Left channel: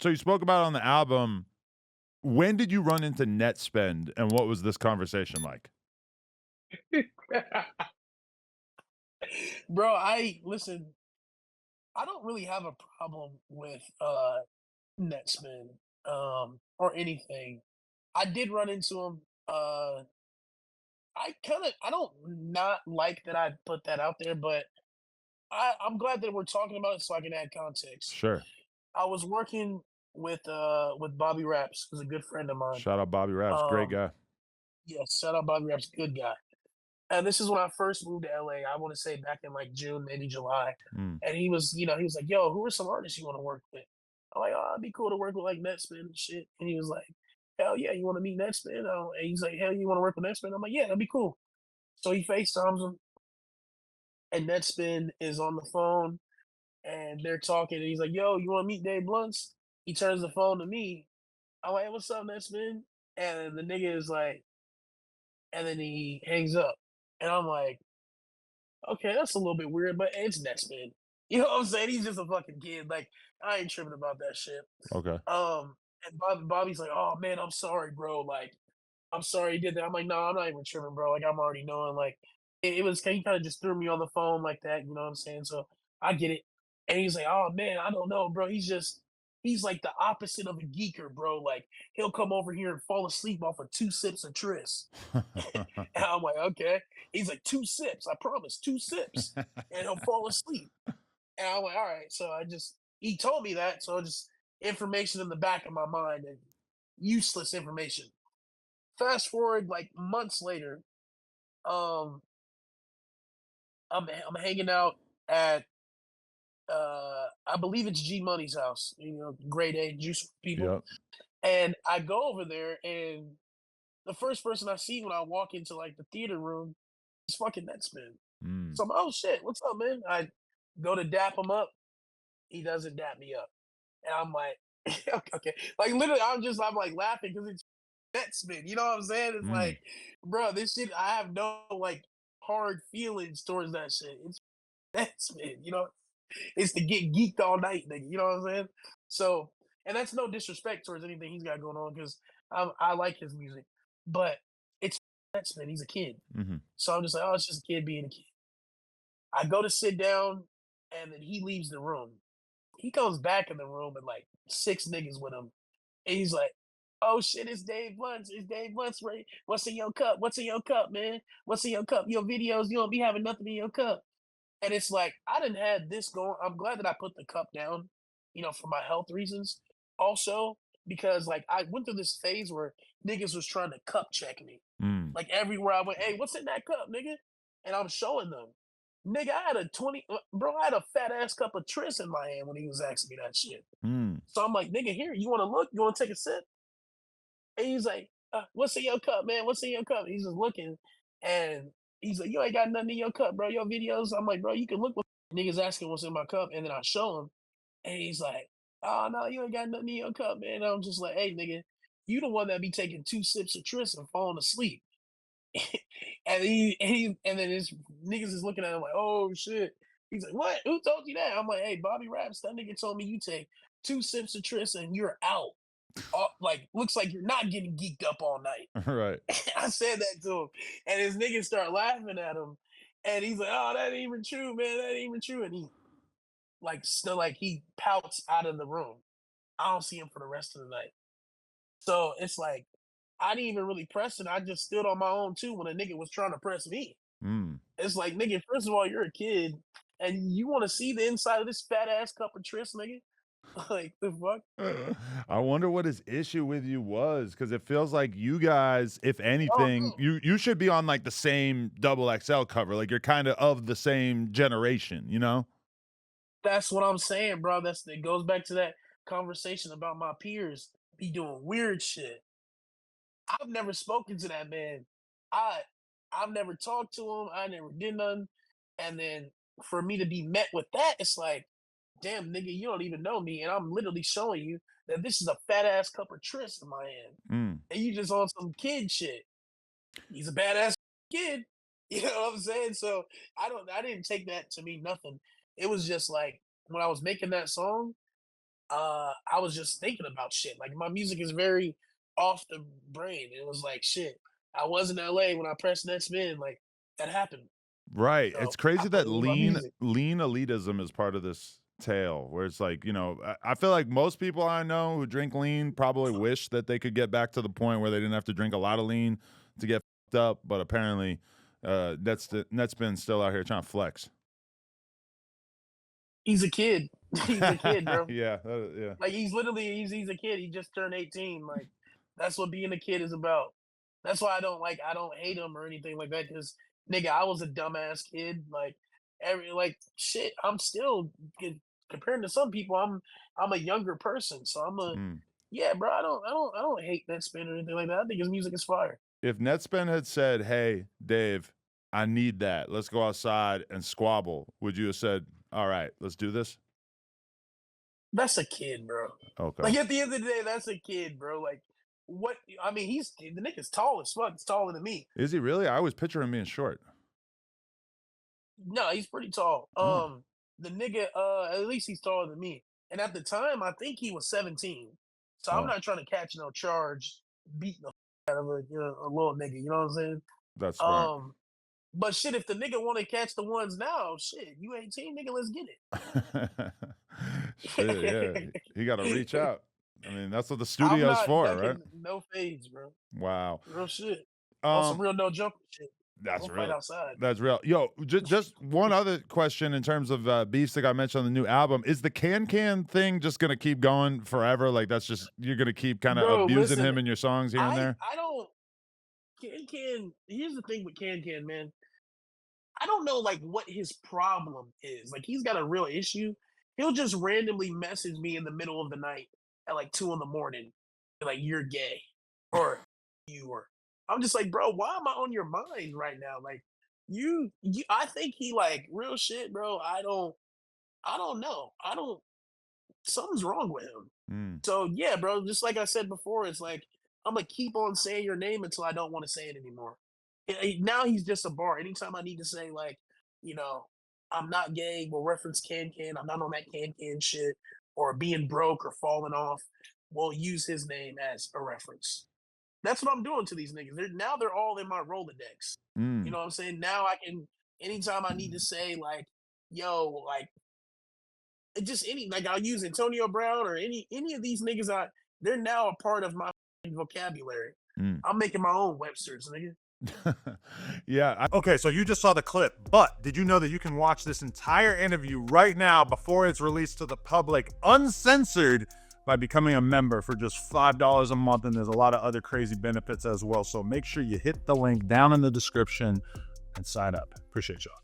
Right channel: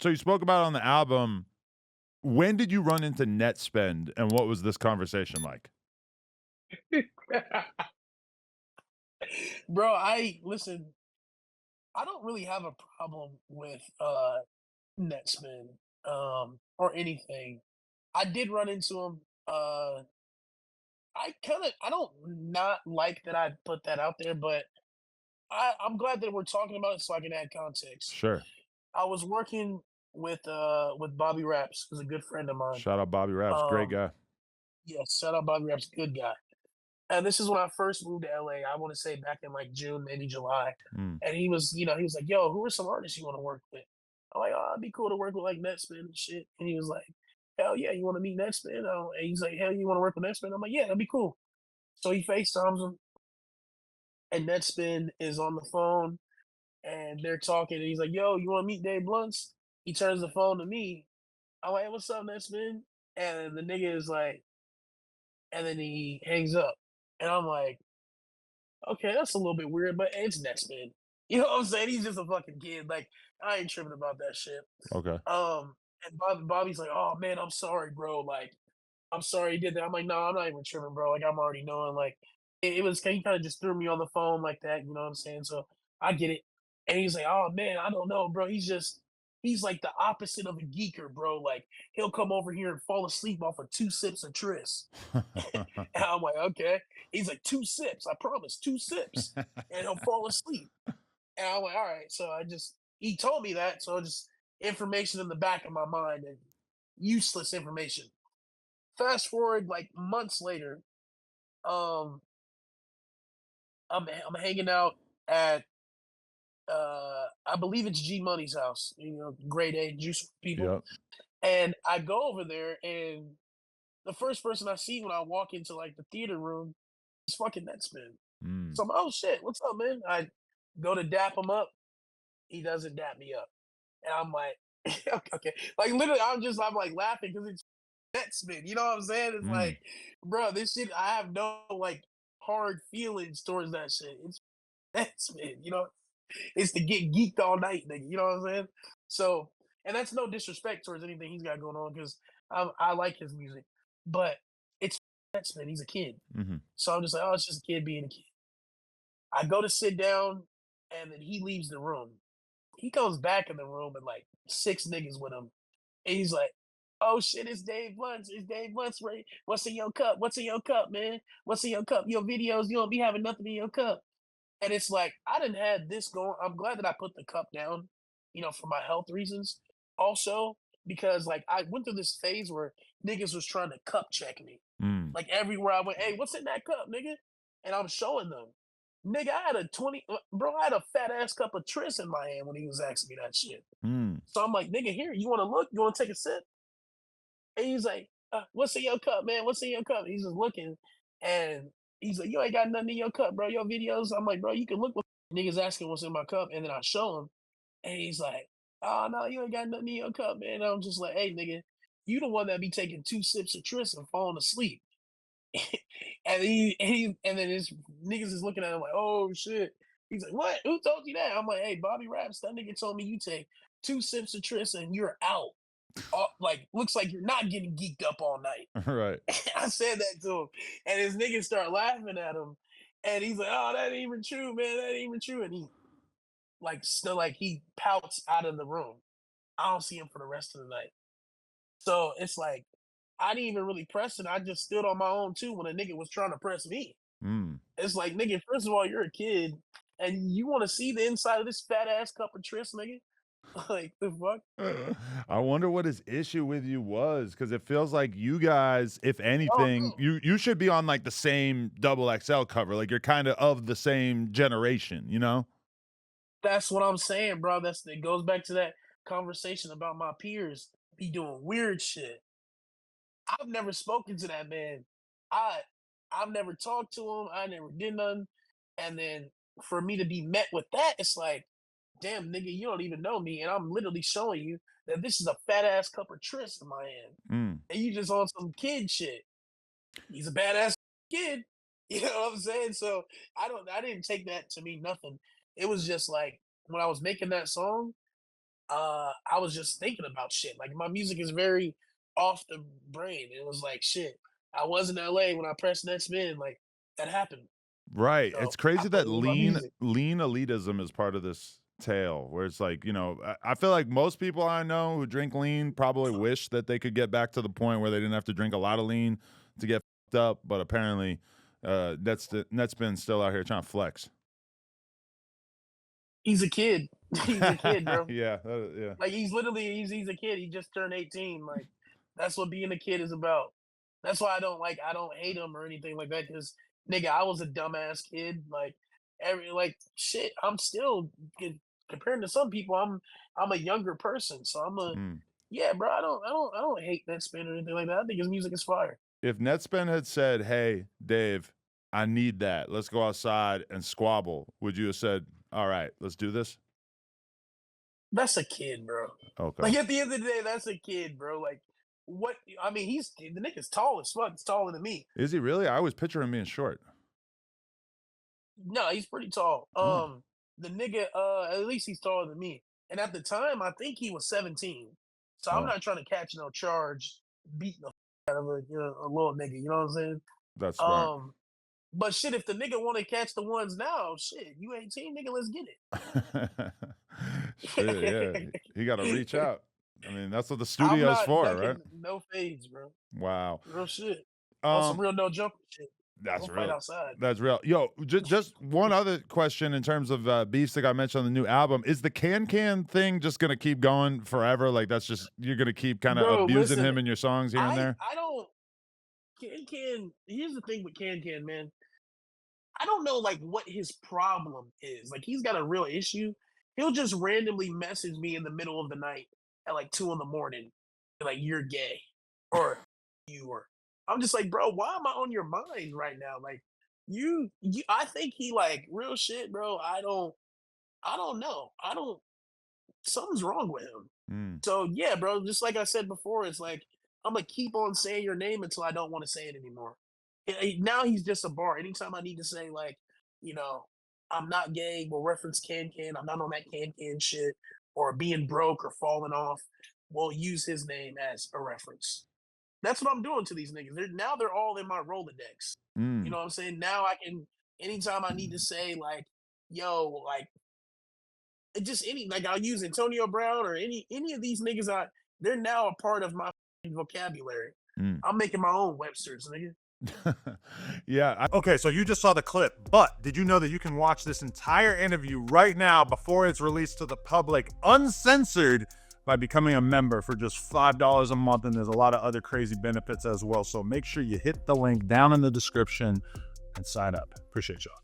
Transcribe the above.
So you spoke about on the album. When did you run into Nettspend, and what was this conversation like? Bro, I listen, I don't really have a problem with Nettspend or anything. I did run into him. I don't not like that I put that out there, but I'm glad that we're talking about it so I can add context. Sure. I was working with Bobby Raps, who's a good friend of mine. Shout out Bobby Raps, great Um guy. yes, shout out Bobby Raps, good guy. And this is when I first moved to LA. I want to say back in like June, maybe July. Mm. And he was like, "Yo, who are some artists you want to work with?" I'm like, "Oh, it'd be cool to work with like Nettspin and shit." And he was like, "Hell yeah, you want to meet Nettspin?" And he's like, "Hell, you want to work with Nettspin?" I'm like, "Yeah, that'd be cool." So he FaceTimes him, and Nettspin is on the phone, and they're talking. And he's like, "Yo, you want to meet Dave Blunts?" He turns the phone to me. I'm like, "Hey, what's up, Nettspin?" And the nigga is like, and then he hangs up, and I'm like, okay, that's a little bit weird, but it's Nettspin. You know what I'm saying? He's just a fucking kid. Like, I ain't tripping about that shit. Okay. And Bobby's like, "Oh man, I'm sorry, bro. Like, I'm sorry he did that." I'm like, "No, I'm not even tripping, bro. Like, I'm already knowing. Like, it was he kind of just threw me on the phone like that. You know what I'm saying? So I get it." And he's like, "Oh man, I don't know, bro. He's like the opposite of a geeker, bro. Like, he'll come over here and fall asleep off of 2 sips of Tris." And I'm like, "Okay." He's like, "2 sips, I promise, 2 sips, and he'll fall asleep." And I'm like, "All right." So he told me that, so just information in the back of my mind and useless information. Fast forward like months later, um, I'm hanging out at I believe it's G Money's house, grade A juice people. Yep. And I go over there, and the first person I see when I walk into like the theater room is fucking Netspin. Mm. So I'm, "Oh shit, what's up, man?" I go to dap him up. He doesn't dap me up. And I'm like, okay. Like literally, I'm like laughing because it's Netspin. You know what I'm saying? It's Mm. like, bro, this shit, I have no like hard feelings towards that shit. It's Netspin, it's to get geeked all night, nigga. You know what I'm saying? So, and that's no disrespect towards anything he's got going on because I like his music, but it's Netspin. He's a kid. Mhm. So I'm just like, oh, it's just a kid being a kid. I go to sit down, and then he leaves the room. He comes back in the room and like 6 niggas with him. And he's like, "Oh shit, it's Dave Bunce. It's Dave Bunce. What's in your cup? What's in your cup, man? What's in your cup? Your videos, you don't be having nothing in your cup." And it's like, I didn't have this going. I'm glad that I put the cup down, for my health reasons. Also, because like I went through this phase where niggas was trying to cup check me. Mm. Like everywhere I went, "Hey, what's in that cup, nigga?" And I'm showing them. Nigga, I had a 20, bro, I had a fat ass cup of Tris in my hand when he was asking me that shit. Mm. So I'm like, "Nigga, here, you want to look? You want to take a sip?" And he's like, "What's in your cup, man? What's in your cup?" He's just looking, and he's like, "You ain't got nothing in your cup, bro. Your videos." I'm like, "Bro, you can look." What niggas asking what's in my cup, and then I show him, and he's like, "Oh no, you ain't got nothing in your cup, man." And I'm just like, "Hey, nigga, you the one that be taking 2 sips of Tris and falling asleep." And then his niggas is looking at him like, "Oh shit." He's like, "What? Who told you that?" I'm like, "Hey, Bobby Raps, that nigga told me you take 2 sips of Tris and you're out. Like, looks like you're not getting geeked up all night." Right. I said that to him, and his niggas start laughing at him, and he's like, "Oh, that ain't even true, man. That ain't even true." And he like still like he pouts out of the room. I don't see him for the rest of the night. So it's like I didn't even really press it. I just stood on my own too when a nigga was trying to press me. Mm. It's like, nigga, first of all, you're a kid, and you want to see the inside of this fat ass cup of Tris, nigga? Like the fuck? I wonder what his issue with you was, because it feels like you guys, if Oh anything, no, you should be on, like, the same double XL cover, like, you're kinda of the same generation, you know? that's what I'm saying, bro. It goes back to that conversation about my peers be doing weird shit. I've never spoken to that man. I I've never talked to him. I never did nothing. And then for me to be met with that, it's like, damn nigga, you don't even know me, and I'm literally showing you that this is a fat ass cup of Tris in my hand, Mm. and you just on some kid shit. He's a badass kid. You know what I'm saying? So I didn't take that to mean nothing. It was just like when I was making that song, I was just thinking about shit. Like my music is very off the brain. It was like shit. I was in LA when I pressed Nettspend. Like that happened. Right. So It's I crazy put that it with my music. lean elitism is part of this tale where it's like, I feel like most people I know who drink lean probably wish that they could get back to the point where they didn't have to drink a lot of lean to get fucked up, but apparently Netspend's still out here trying to flex. He's a kid. He's a kid, bro. Yeah, yeah. Like he's literally he's a kid. He just turned 18. Like that's what being a kid is about. That's why I don't hate him or anything like that. Because nigga, I was a dumbass kid. Like like shit. I'm still compared to some people. I'm a younger person, so I'm a Mm. yeah, bro. I don't hate that spin or anything like that. I think his music is fire. If Netspend had said, "Hey, Dave, I need that. Let's go outside and squabble," would you have said, "All right, let's do this"? That's a kid, bro. Okay. Like at the end of the day, that's a kid, bro. Like what? I mean, he's the nigga's tall as fuck. He's taller than me. Is he really? I always picture him being short. No, he's pretty tall. Oh. The nigga, at least he's taller than me. And at the time, I think he was 17. So I'm Oh, not trying to catch no charge beating the out of a little nigga. You know what I'm saying? that's smart. Um, but shit, if the nigga want to catch the ones now, shit, you 18, nigga, let's get Shit, yeah. He got to reach it. out. I mean, that's what the I'm studio's not for, right? ducking no fades, bro. Wow. Real shit. On some Um, real no jumper shit. that's We'll fight real. outside. That's real. Yo, just one other question in terms of beefs that got mentioned on the new album. Is the can thing just gonna keep going forever? Like that's just you're gonna keep kind of Bro, abusing listen, him in your songs here and there? I don't here's the thing with man. I don't know like what his problem is. Like he's got a real issue. He'll just randomly message me in the middle of the night at like 2 in the morning, like you're gay or you were. I'm just like, bro, why am I on your mind right now? Like you I think he like real shit, bro. I don't know. I don't something's wrong with him. Mm. So yeah, bro, just like I said before, it's like I'm gonna keep on saying your name until I don't want to say it anymore. Now he's just a bar. Anytime I need to say like, you know, I'm not gay, we'll reference I'm not on that shit, or being broke or falling off, we'll use his name as a reference. That's what I'm doing to these niggas. They're all in my Rolodex. You Mm. know what I'm saying? Now I can anytime I need to say like, yo, like it just any like I'll use Antonio Brown or any of these niggas. They're now a part of my vocabulary. Mm. I'm making my own Webster's, nigga. Yeah. Okay, so you just saw the clip, but did you know that you can watch this entire interview right now before it's released to the public, uncensored, by becoming a member for just $5 a month? And there's a lot of other crazy benefits as well. So make sure you hit the link down in the description and sign up. Appreciate y'all.